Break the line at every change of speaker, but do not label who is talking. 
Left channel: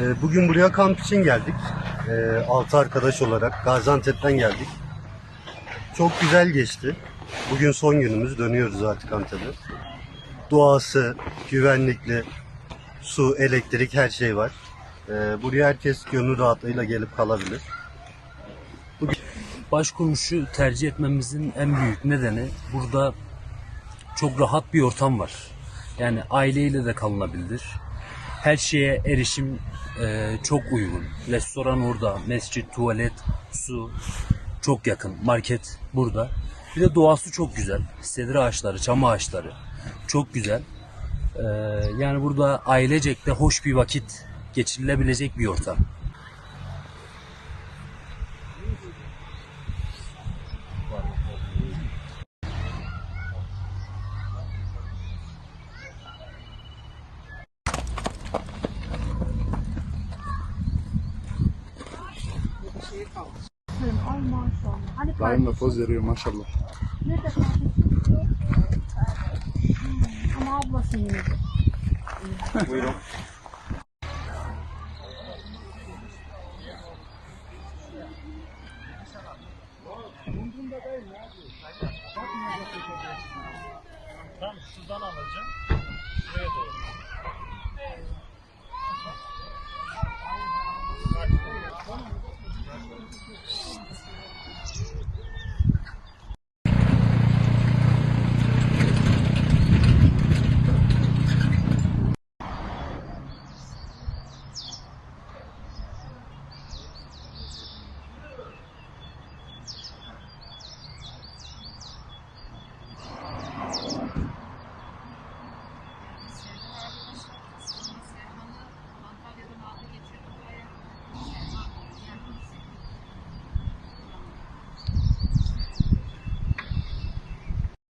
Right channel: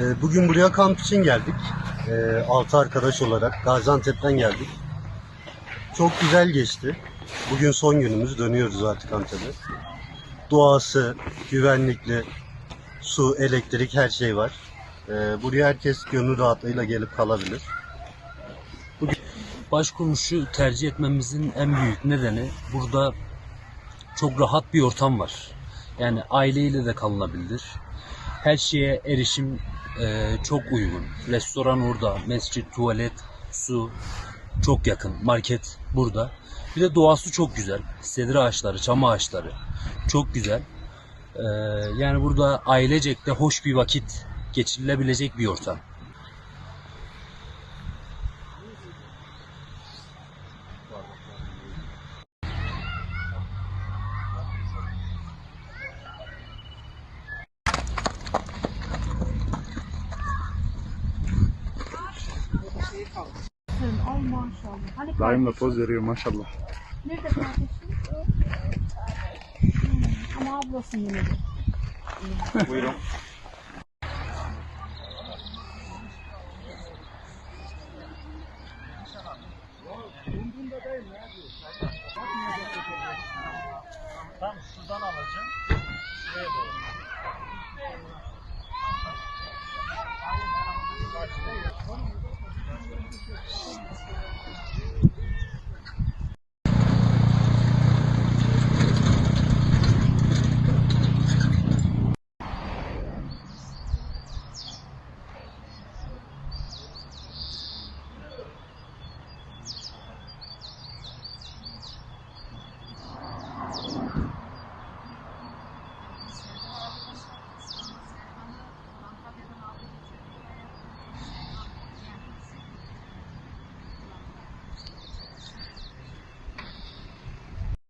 Ee, bugün buraya kamp için geldik. Ee, altı arkadaş olarak Gaziantep'ten geldik. Çok güzel geçti. Bugün son günümüz. Dönüyoruz artık Antep'e. Doğası, güvenlikli, su, elektrik her şey var. Ee, buraya herkes gönül rahatlığıyla gelip kalabilir. Bugün... Başkurmuşu tercih etmemizin en büyük nedeni burada çok rahat bir ortam var. Yani aileyle de kalınabilir. Her şeye erişim e, çok uygun. Restoran orada, mescit, tuvalet, su çok yakın. Market burada. Bir de doğası çok güzel. Sedir ağaçları, çam ağaçları çok güzel. E, yani burada ailecek de hoş bir vakit geçirilebilecek bir ortam. Daimle poz veriyor maşallah. Nerede Ama ablası yine Buyurun. Tam şuradan alacağım.